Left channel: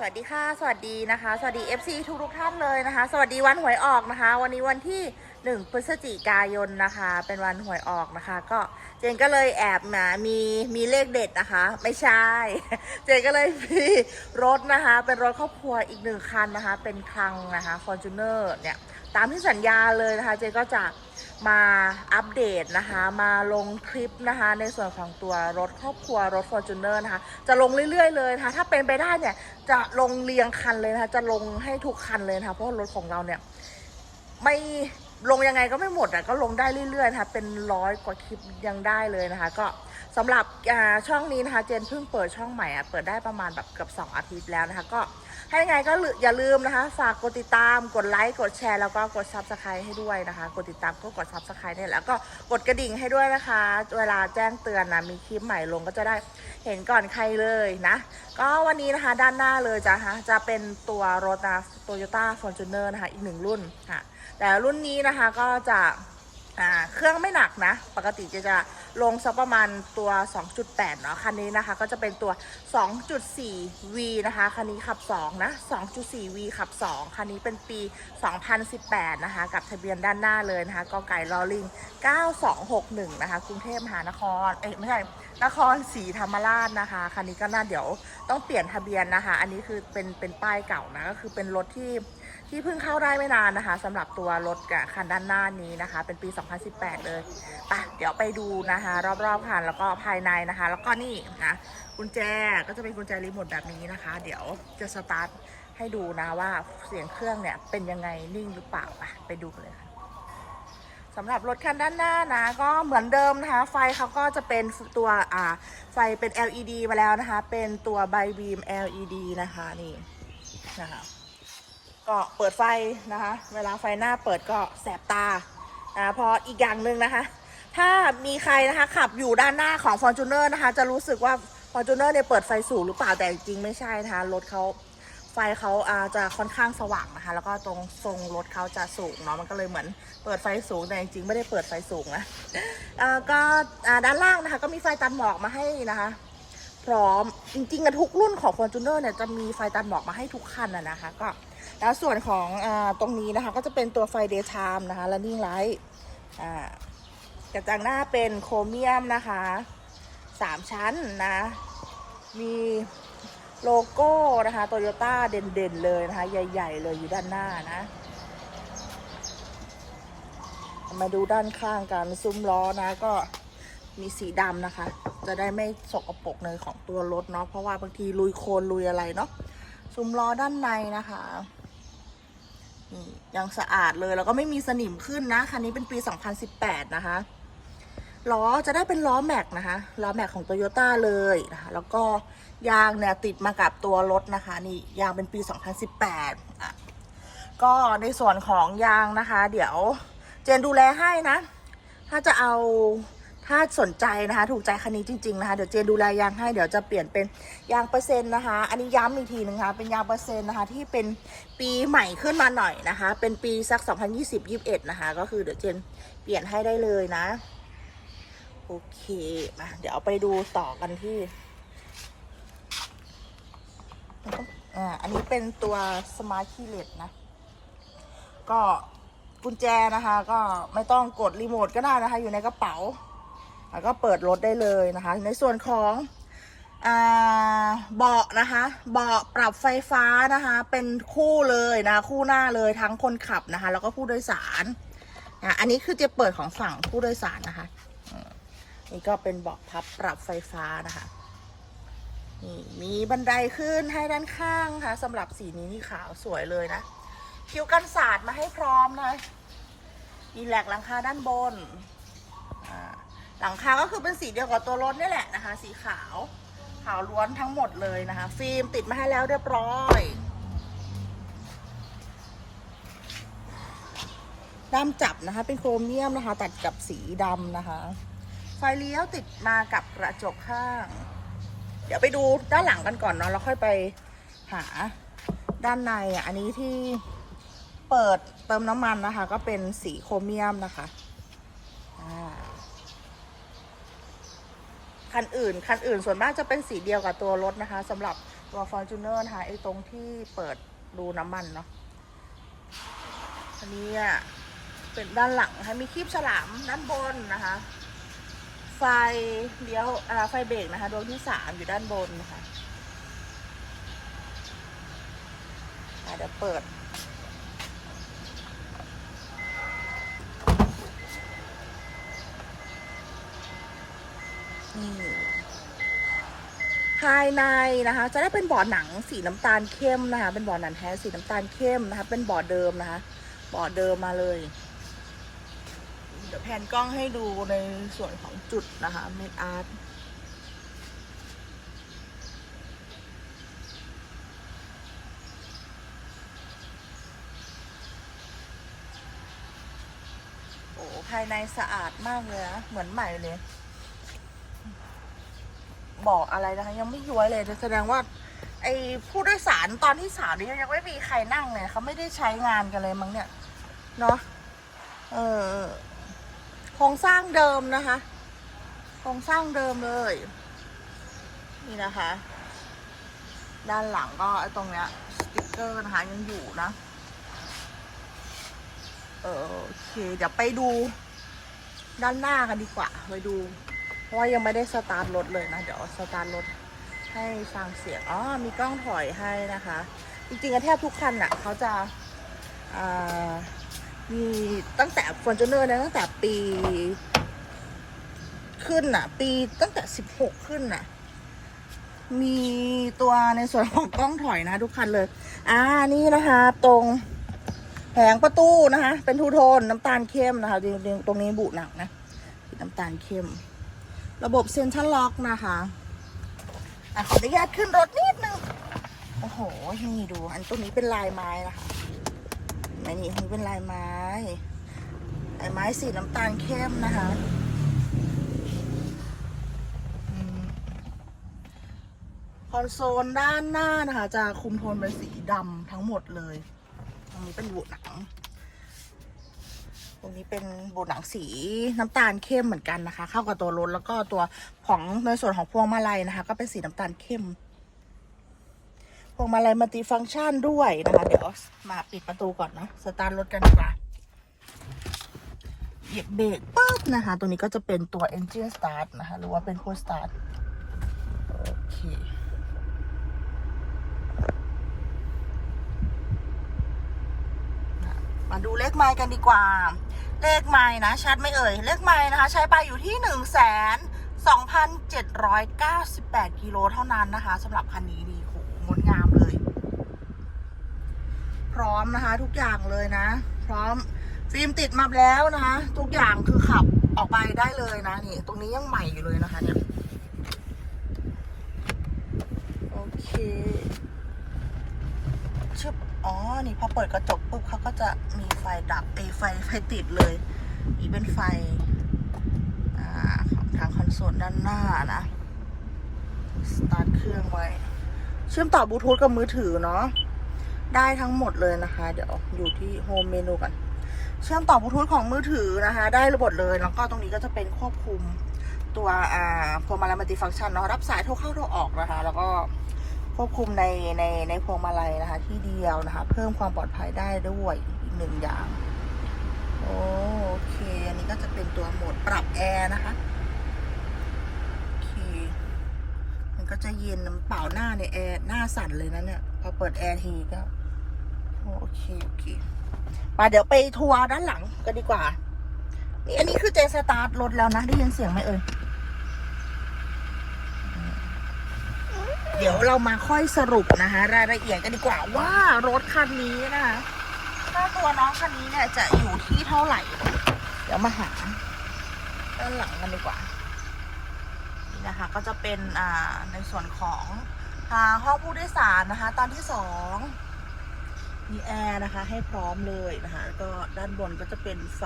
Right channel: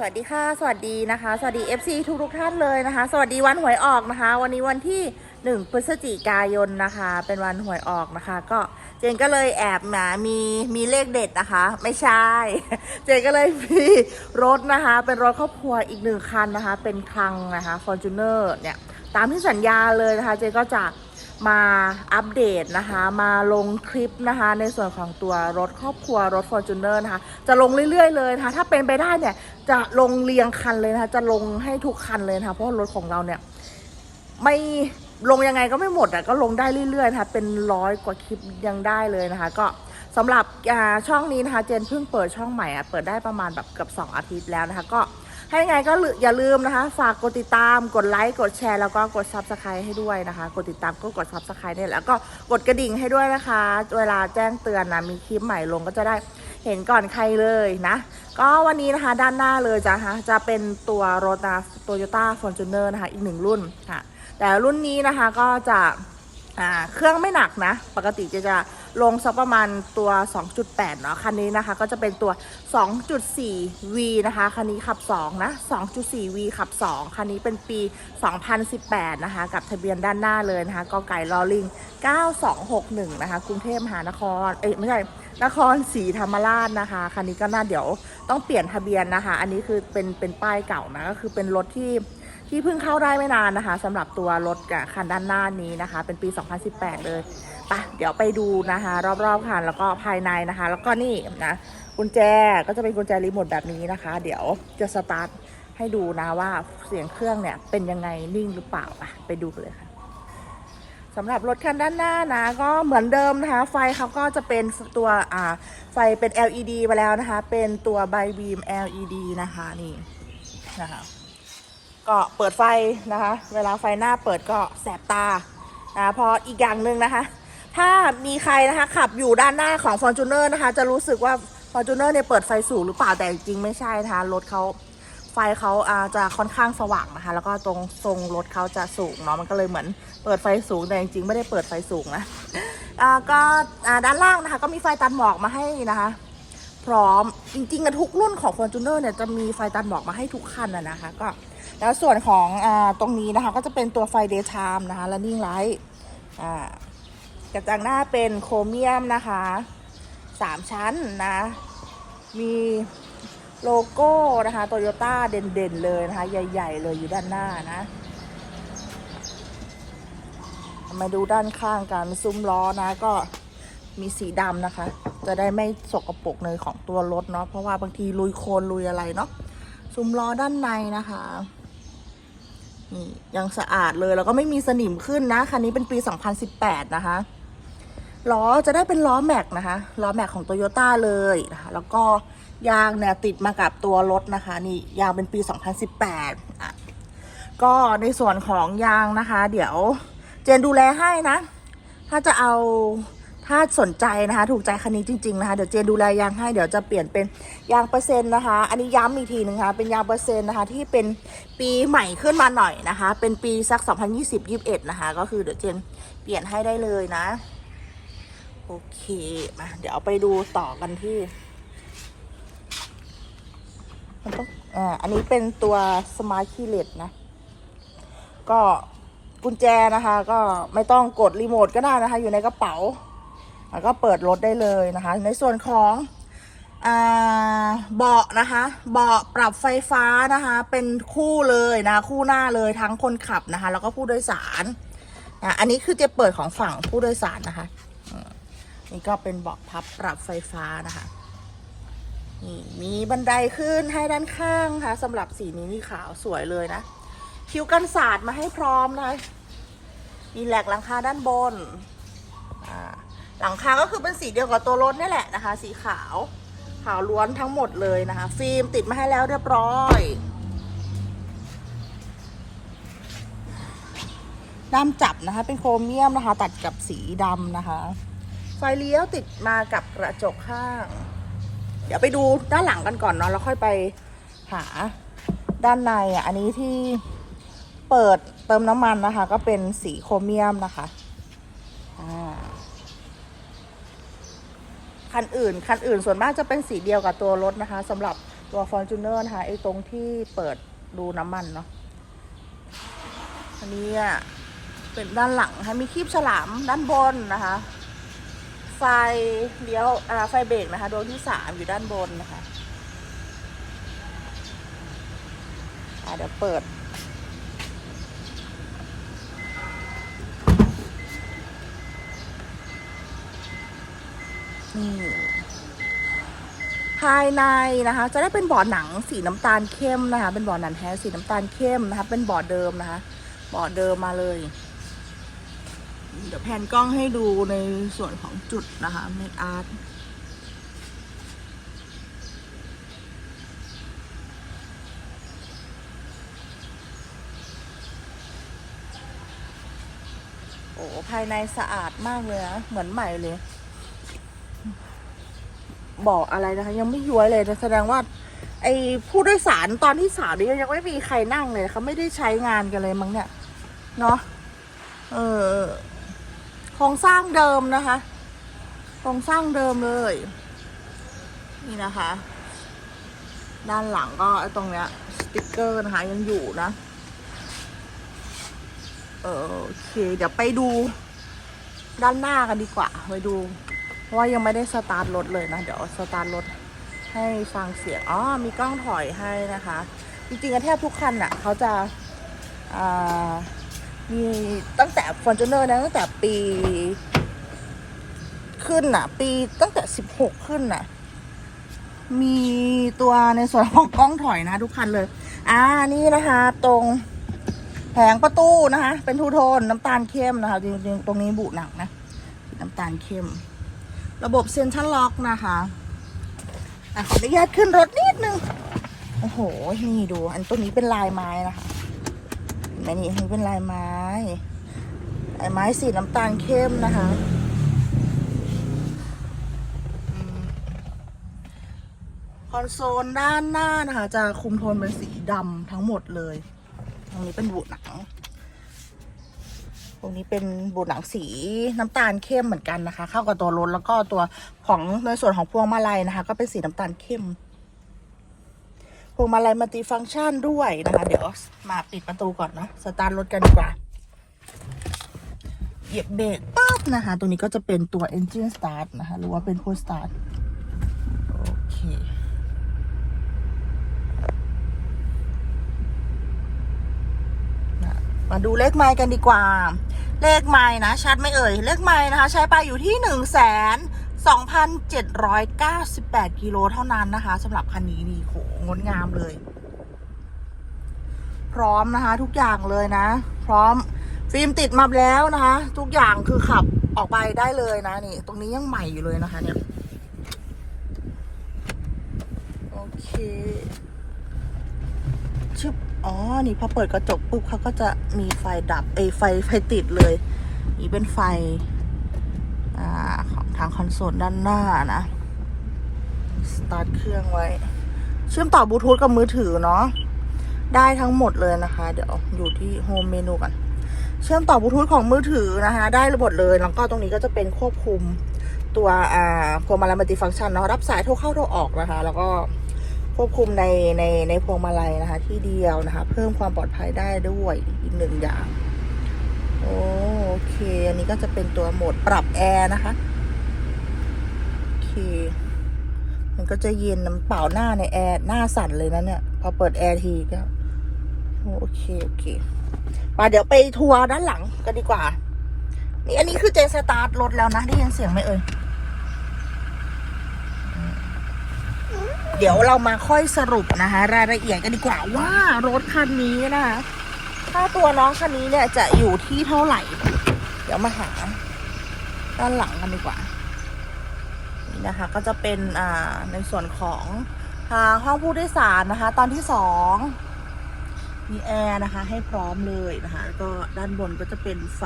สวัสดีค่ะ สวัสดีนะคะ สวัสดี FC ทุกทุกท่านเลยนะคะ สวัสดีวันหวยออกนะคะ วันนี้วันที่ 1 พฤศจิกายนนะคะ เป็นวันหวยออกนะคะ ก็เจนก็เลยแอบหมามีมีเลขเด็ดนะคะ ไม่ใช่ เจนก็เลยมีรถนะคะ เป็นรถครอบครัวอีกหนึ่งคันนะคะ เป็นคลังนะคะ Fortuner เนี่ย ตามที่สัญญาเลยนะคะ เจนก็จะ มาอัปเดตนะคะ มาลงคลิปนะคะ ในส่วนของตัวรถครอบครัวรถ Fortuner นะคะ จะลงเรื่อยๆเลยนะคะ ถ้าเป็นไปได้เนี่ย จะลงเรียงคันเลยนะคะ จะลงให้ทุกคันเลยนะคะ เพราะรถของเราเนี่ยไม่ลงยังไงก็ไม่หมดอะก็ลงได้เรื่อยๆนะคะเป็นร้อยกว่าคลิปยังได้เลยนะคะ ก็สำหรับช่องนี้นะคะ เจนเพิ่งเปิดช่องใหม่อะเปิดได้ประมาณแบบเกือบ2 อาทิตย์แล้วนะคะ ก็ ให้ไงก็อย่าลืมนะคะ ฝากกดติดตามกดไลค์กดแชร์แล้วก็กด subscribe ให้ด้วยนะคะ กดติดตามก็กด subscribe เนี่ยแล้วก็กดกระดิ่งให้ด้วยนะคะ เวลาแจ้งเตือนนะมีคลิปใหม่ลงก็จะได้เห็นก่อนใครเลยนะ ก็วันนี้นะคะด้านหน้าเลยจะนะคะจะเป็นตัวรถนะ Toyota Fortuner นะคะอีกหนึ่งรุ่นค่ะ แต่รุ่นนี้นะคะก็จะเครื่องไม่หนักนะ ปกติจะจะ ลงสักประมาณตัว 2.8 เนาะคันนี้นะคะ ก็จะเป็นตัว 2.4V นะคะ คันนี้ขับ 2 นะ 2.4V ขับ 2 คันนี้เป็นปี 2018 นะคะ กับทะเบียนด้านหน้าเลยนะคะกอไก่ลอลิง 9261 นะคะ กรุงเทพมหานคร เอ้ยไม่ใช่นครศรีธรรมราชนะคะ คันนี้ก็น่าเดี๋ยวต้องเปลี่ยนทะเบียนนะคะ อันนี้คือเป็นเป็นป้ายเก่านะ ก็คือเป็นรถที่ ที่เพิ่งเข้าได้ไม่นานนะคะสำหรับตัวรถกับคันด้านหน้านี้นะคะ เป็นปี 2018 เลยไปะเดี๋ยวไปดูนะคะ รอบๆคันแล้วก็ภายในนะคะ แล้วก็นี่นะกุญแจก็จะเป็นกุญแจรีโมทแบบนี้นะคะ เดี๋ยวจะสตาร์ทให้ดูนะว่าเสียงเครื่องเนี่ยเป็นยังไงนิ่งหรือเปล่าไปไปดูกันเลยค่ะสำหรับรถคันด้านหน้านะ ก็เหมือนเดิมนะคะ ไฟเขาก็จะเป็นตัวอ่าไฟเป็น LED ไปแล้วนะคะ เป็นตัวไบบีม LED นะคะนี่นะคะ ก็เปิดไฟนะคะ เวลาไฟหน้าเปิดก็แสบตานะพออีกอย่างหนึ่งนะคะ ถ้ามีใครนะคะขับอยู่ด้านหน้าของ Fortuner นะคะ จะรู้สึกว่า Fortuner เนี่ยเปิดไฟสูงหรือเปล่าแต่จริงไม่ใช่นะคะรถเขาไฟเขาจะค่อนข้างสว่างนะคะ แล้วก็ตรงทรงรถเขาจะสูงเนาะมันก็เลยเหมือนเปิดไฟสูงแต่จริงๆไม่ได้เปิดไฟสูงนะอ่าก็อ่าด้านล่างนะคะก็มีไฟตัดหมอกมาให้นะคะ พร้อม จริงๆอะทุกรุ่นของ Fortuner เนี่ยจะมีไฟตัดหมอกมาให้ทุกคันอะนะคะก็แล้วส่วนของอตรงนี้นะคะก็จะเป็นตัวไฟ daytime นะคะ running light กระจังหน้าเป็นโครเมียมนะคะสามชั้นนะ มีโลโก้นะคะโตโยต้าเด่นๆเลยนะคะ ใหญ่ ๆ เลยอยู่ด้านหน้านะ มาดูด้านข้างกันซุ้มล้อนะก็มีสีดำนะคะ จะได้ไม่สกปรกเลยของตัวรถเนาะเพราะว่าบางทีลุยโคลนลุยอะไรเนาะซุ้มล้อด้านในนะคะนี่ยังสะอาดเลยแล้วก็ไม่มีสนิมขึ้นนะคันนี้เป็นปี 2018 นะคะล้อจะได้เป็นล้อแม็กนะคะล้อแม็กของโตโยต้าเลยนะคะแล้วก็ยางเนี่ยติดมากับตัวรถนะคะ นี่ยางเป็นปี 2018อะก็ในส่วนของยางนะคะ เดี๋ยวเจนดูแลให้นะ ถ้าจะเอา ถ้าสนใจนะคะ ถูกใจคันนี้จริงๆนะคะ เดี๋ยวเจนดูแลยางให้ เดี๋ยวจะเปลี่ยนเป็นยางเปอร์เซ็นต์นะคะ อันนี้ย้ำอีกทีหนึงค่ะเป็นยางเปอร์เซ็นต์นะคะ ที่เป็นปีใหม่ขึ้นมาหน่อยนะคะ เป็นปีสัก 2020-21 นะคะ ก็คือเดี๋ยวเจนเปลี่ยนให้ได้เลยนะ โอเคมาเดี๋ยวไปดูต่อกันที่มันต้องอ่าอันนี้เป็นตัว Smart Keyless นะ ก็กุญแจนะคะ ก็ไม่ต้องกดรีโมทก็ได้นะคะ อยู่ในกระเป๋า แล้วก็เปิดรถได้เลยนะคะ ในส่วนของเบาะนะคะเบาะปรับไฟฟ้านะคะ เป็นคู่เลยนะคู่หน้าเลยทั้งคนขับนะคะ แล้วก็ผู้โดยสารนะอันนี้คือจะเปิดของฝั่งผู้โดยสารนะคะนี่ก็เป็นเบาะพับปรับไฟฟ้านะคะนี่มีบันไดขึ้นให้ด้านข้างค่ะสำหรับสีนี้นี่ขาวสวยเลยนะคิ้วกันศาสตร์มาให้พร้อมนะคะมีแหลกหลังคาด้านบนอ่า หลังคาก็คือเป็นสีเดียวกับตัวรถนี่แหละนะคะ สีขาว ขาวล้วนทั้งหมดเลยนะคะ ฟิล์มติดมาให้แล้วเรียบร้อยด้ามจับนะคะ เป็นโครเมียมนะคะ ตัดกับสีดำนะคะ ไฟเลี้ยวติดมากับกระจกข้าง เดี๋ยวไปดูด้านหลังกันก่อนเนาะแล้วค่อยไปหาด้านในอะอันนี้ที่เปิดเติมน้ำมันนะคะ ก็เป็นสีโครเมียมนะคะอ่า คันอื่น คันอื่นส่วนมากจะเป็นสีเดียวกับตัวรถนะคะสำหรับตัว Fortuner นะคะไอ้ตรงที่เปิดดูน้ำมันเนาะอันนี้อะเป็นด้านหลังนะคะมีคลิปฉลามด้านบนนะคะไฟเลี้ยวอ่าไฟเบรกนะคะ โดนที่สามอยู่ด้านบนนะคะะเดี๋ยวเปิด ภายในนะคะ จะได้เป็นเบาะหนังสีน้ำตาลเข้มนะคะ เป็นเบาะหนังแท้สีน้ำตาลเข้มนะคะ เป็นเบาะเดิมนะคะเบาะเดิมมาเลย เดี๋ยวแผนกล้องให้ดูในส่วนของจุดนะคะเมดอาร์ตโอ้ภายในสะอาดมากเลยนะเหมือนใหม่เลย บอกอะไรนะคะ ยังไม่ย้วยเลยนะแสดงว่า ไอ้ผู้โดยสารตอนที่สามนี่ยังไม่มีใครนั่งเลยเขาไม่ได้ใช้งานกันเลยมั้งเนี่ยเนาะเออโครงสร้างเดิมนะคะโครงสร้างเดิมเลย นี่นะคะ ด้านหลังก็ตรงเนี้ย สติกเกอร์นะคะยังอยู่นะเออโอเค เดี๋ยวไปดู ด้านหน้ากันดีกว่า ไปดู เพราะว่ายังไม่ได้สตาร์ทรถเลยนะ เดี๋ยวสตาร์ทรถให้ฟังเสียง อ๋อ มีกล้องถอยให้นะคะ จริงๆแทบทุกคันอะเขาจะามีตั้งแต่ f o r t u n e r นะตั้งแต่ปีขึ้นอะ ปีตั้งแต่สิบหกขึ้นอะ มีตัวในส่วนของกล้องถอยนะทุกคันเลย อ่า นี่นะคะ ตรงแผงประตูนะคะ เป็นทูโทนน้ำตาลเข้มนะคะ จริงๆ ตรงนี้บุหนังนะ น้ำตาลเข้ม ระบบเซ็นทรัลล็อกนะคะอะขออนุญาตขึ้นรถนิดนึง โอ้โห นี่ดู อันตรงนี้เป็นลายไม้นะคะนี่อันนี้เป็นลายไม้ลายไม้สีน้ำตาลเข้มนะคะ คอนโซลด้านหน้านะคะ จะคุมโทนเป็นสีดำทั้งหมดเลย ตรงนี้เป็นบูดหนัง ตรงนี้เป็นบูดหนังสีน้ำตาลเข้มเหมือนกันนะคะ เข้ากับตัวรถแล้วก็ตัวของในส่วนของพวงมาลัยนะคะ ก็เป็นสีน้ำตาลเข้ม พวงมาลัยมัลติฟังก์ชันด้วยนะคะ เดี๋ยวมาปิดประตูก่อนนะสตาร์ทรถกันดีกว่าเหยียบเบรกปั๊บนะคะ ตรงนี้ก็จะเป็นตัว engine start นะคะ หรือว่าเป็น push start โอเค มาดูเลขไมล์กันดีกว่า เลขไมล์นะ ชัดไม่เอ่ย เลขไมล์นะคะ ใช้ไปอยู่ที่หนึ่งแสนสองพันเจ็ดร้อยเก้าสิบแปดกิโลเท่านั้นนะคะสำหรับคันนี้นี่โหงดงามเลย พร้อมนะคะ ทุกอย่างเลยนะ พร้อมฟิล์มติดมาแล้วนะคะ ทุกอย่างคือขับออกไปได้เลยนะนี่ ตรงนี้ยังใหม่อยู่เลยนะคะเนี่ยโอเคชึบ อ๋อ นี่พอเปิดกระจกปุ๊บเขาก็จะมีไฟดับเอไฟไฟติดเลย นี่เป็นไฟอของทางคอนโซลด้านหน้านะ สตาร์ทเครื่องไว้ เชื่อมต่อบลูทูธกับมือถือเนาะ ได้ทั้งหมดเลยนะคะ เดี๋ยวอยู่ที่โฮมเมนูกัน เชื่อมต่อบลูทูธของมือถือนะคะ ได้หมดเลย แล้วก็ตรงนี้ก็จะเป็นควบคุมตัวอ่าพวงมาลัยมัลติฟังก์ชันเนาะ รับสายโทรเข้าโทรออกนะคะ แล้วก็ ควบคุมในในในพวงมาลัยนะคะ ที่เดียวนะคะ เพิ่มความปลอดภัยได้ด้วยอีกหนึ่งอย่างโอเค อันนี้ก็จะเป็นตัวโหมดปรับแอร์นะคะโอเค มันก็จะเย็นน้ำเปล่าหน้าในแอร์หน้าสั่นเลยนะเนี่ยพอเปิดแอร์ทีก็โอเค โอเคมาเดี๋ยวไปทัวร์ด้านหลังกันดีกว่านี่อันนี้คือเจนสตาร์ทรถแล้วนะได้ยินเสียงไหมเอ่ย เดี๋ยวเรามาค่อยสรุปนะคะ รายละเอียดกันดีกว่าว่ารถคันนี้นะค่าตัวน้องคันนี้เนี่ยจะอยู่ที่เท่าไหร่ เดี๋ยวมาหาด้านหลังกันดีกว่านี่นะคะ ก็จะเป็นอ่าในส่วนของทางห้องผู้โดยสารนะคะ ตอนที่สองมีแอร์นะคะ ให้พร้อมเลยนะคะ ก็ด้านบนก็จะเป็นไฟ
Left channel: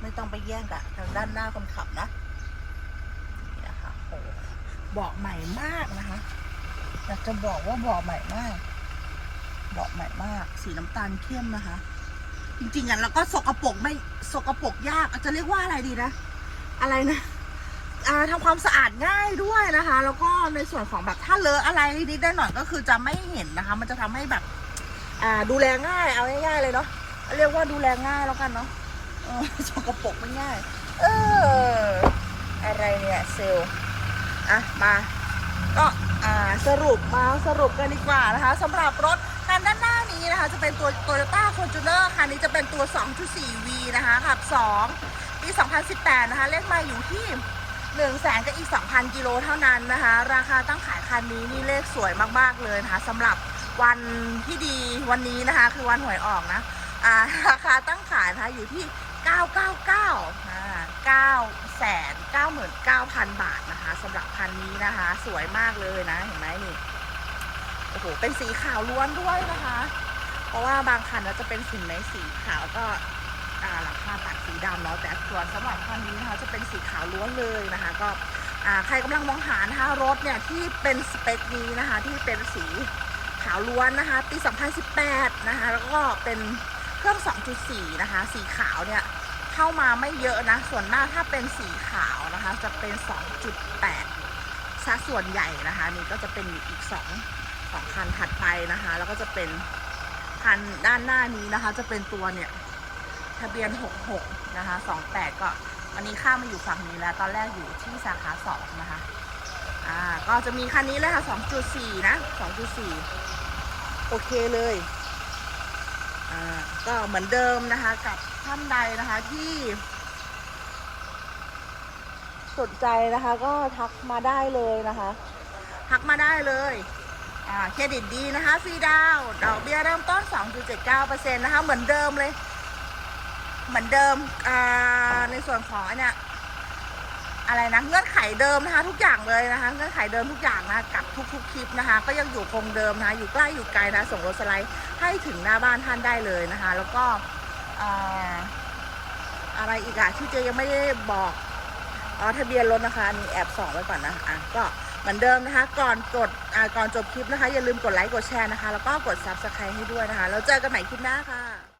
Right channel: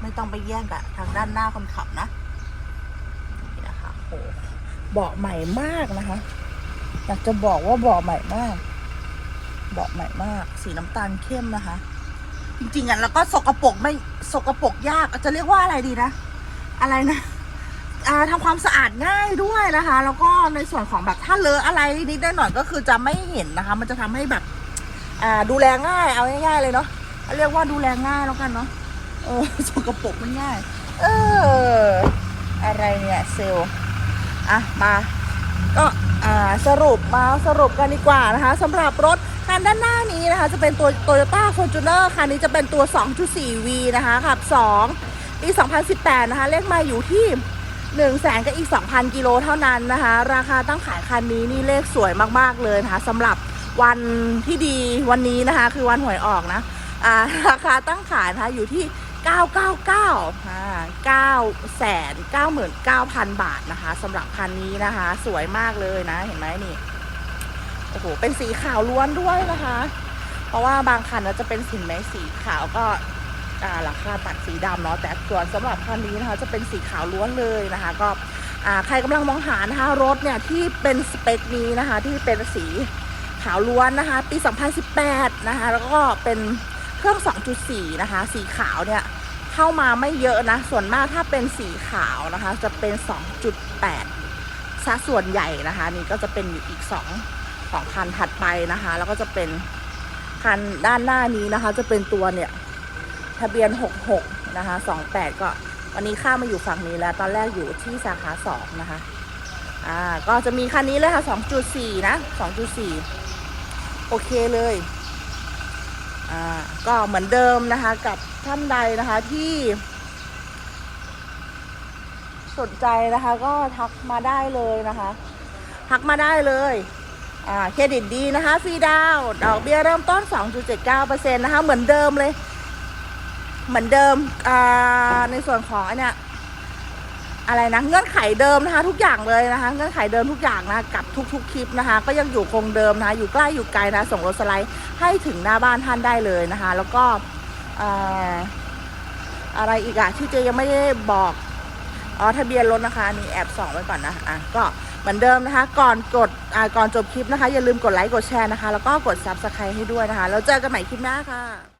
ไม่ต้องไปแย่งกับทางด้านหน้าคนขับนะ เบาะใหม่มากนะคะอยากจะบอกว่าเบาะใหม่มากเบาะใหม่มาก สีน้ำตาลเข้มนะคะ จริงๆอะแล้วก็สกปรกไม่สกปรกยากจะเรียกว่าอะไรดีนะ อะไรนะถอ่าทำความสะอาดง่ายด้วยนะคะ แล้วก็ในส่วนของแบบถ้าเลอะอะไรนิดหน่อยก็คือจะไม่เห็นนะคะ มันจะทำให้แบบดูแลง่ายเอาง่ายๆเลยเนาะเรียกว่าดูแลง่ายแล้วกันเนาะเออสกปรกไม่ง่าย เออ อะไรเนี่ยเซลล์ อะมาก็อ่าสรุปมาสรุปกันดีกว่านะคะสำหรับรถคันด้านหน้านี้นะคะ จะเป็นตัว Toyota Fortuner คันนี้จะเป็นตัว 2.4V นะคะขับ 2 ปี 2018 นะคะ เลขมาอยู่ที่1 0 0 0 0แสนกับอีก 2,000 กิโลเท่านั้นนะคะ ราคาตั้งขายคันนี้นี่เลขสวยมาก ๆ เลยนะคะสำหรับวันที่ดีวันนี้นะคะ คือวันหวยออกนะอ่าราคาตั้งขายนะคะอยู่ที่ 999อ่า9แสน99,000 บาทนะคะสำหรับคันนี้นะคะ สวยมากเลยนะ เห็นไหมนี่โอ้โหเป็นสีขาวล้วนด้วยนะคะ เพราะว่าบางคันก็จะเป็นสีไหนสีขาวก็อ่าหลังคาตัดสีดำเนาะแต่ส่วนสำหรับคันนี้นะคะ จะเป็นสีขาวล้วนเลยนะคะ ก็ใครกำลังมองหานะคะรถเนี่ยที่เป็นสเปคนี้นะคะ ที่เป็นสีขาวล้วนนะคะ ปี 2018 นะคะ แล้วก็เป็น เครื่อง 2.4 นะคะ สีขาวเนี่ยเข้ามาไม่เยอะนะ ส่วนมากถ้าเป็นสีขาวนะคะ จะเป็น 2.8ซะส่วนใหญ่นะคะ นี่ก็จะเป็นอีกสองสองคันถัดไปนะคะ แล้วก็จะเป็นคันด้านหน้านี้นะคะ จะเป็นตัวเนี่ยทะเบียน 66 นะคะ 28 ก็วันนี้ข้ามมาอยู่ฝั่งนี้แล้ว ตอนแรกอยู่ที่สาขา 2 นะคะ อ่า ก็จะมีคันนี้เลยค่ะ 2.4 นะ 2.4 โอเคเลย ก็เหมือนเดิมนะคะ กับท่านใดนะคะที่ สนใจนะคะ ก็ทักมาได้เลยนะคะทักมาได้เลยเครดิตดีนะคะฟรีดาวดอกเบี้ยเริ่มต้น 2.79%นะคะ เหมือนเดิมเลย เหมือนเดิมในส่วนของอันเนี้ย อะไรนะเงื่อนไขเดิมนะคะ ทุกอย่างเลยนะคะ เงื่อนไขเดิมทุกอย่างนะกับทุกๆคลิปนะคะ ก็ยังอยู่คงเดิมนะคะ อยู่ใกล้อยู่ไกลนะส่งรถสไลด์ให้ถึงหน้าบ้านท่านได้เลยนะคะ แล้วก็ออะไรอีกอะที่เจยังไม่ได้บอกอ๋อทะเบียนรถนะคะนี่แอบส่องไว้ก่อนนะอะก็เหมือนเดิมนะคะ ก่อนกดอ่าก่อนจบคลิปนะคะ อย่าลืมกดไลค์กดแชร์นะคะ แล้วก็กด subscribe ให้ด้วยนะคะแล้วเจอกันใหม่คลิปหน้าค่ะ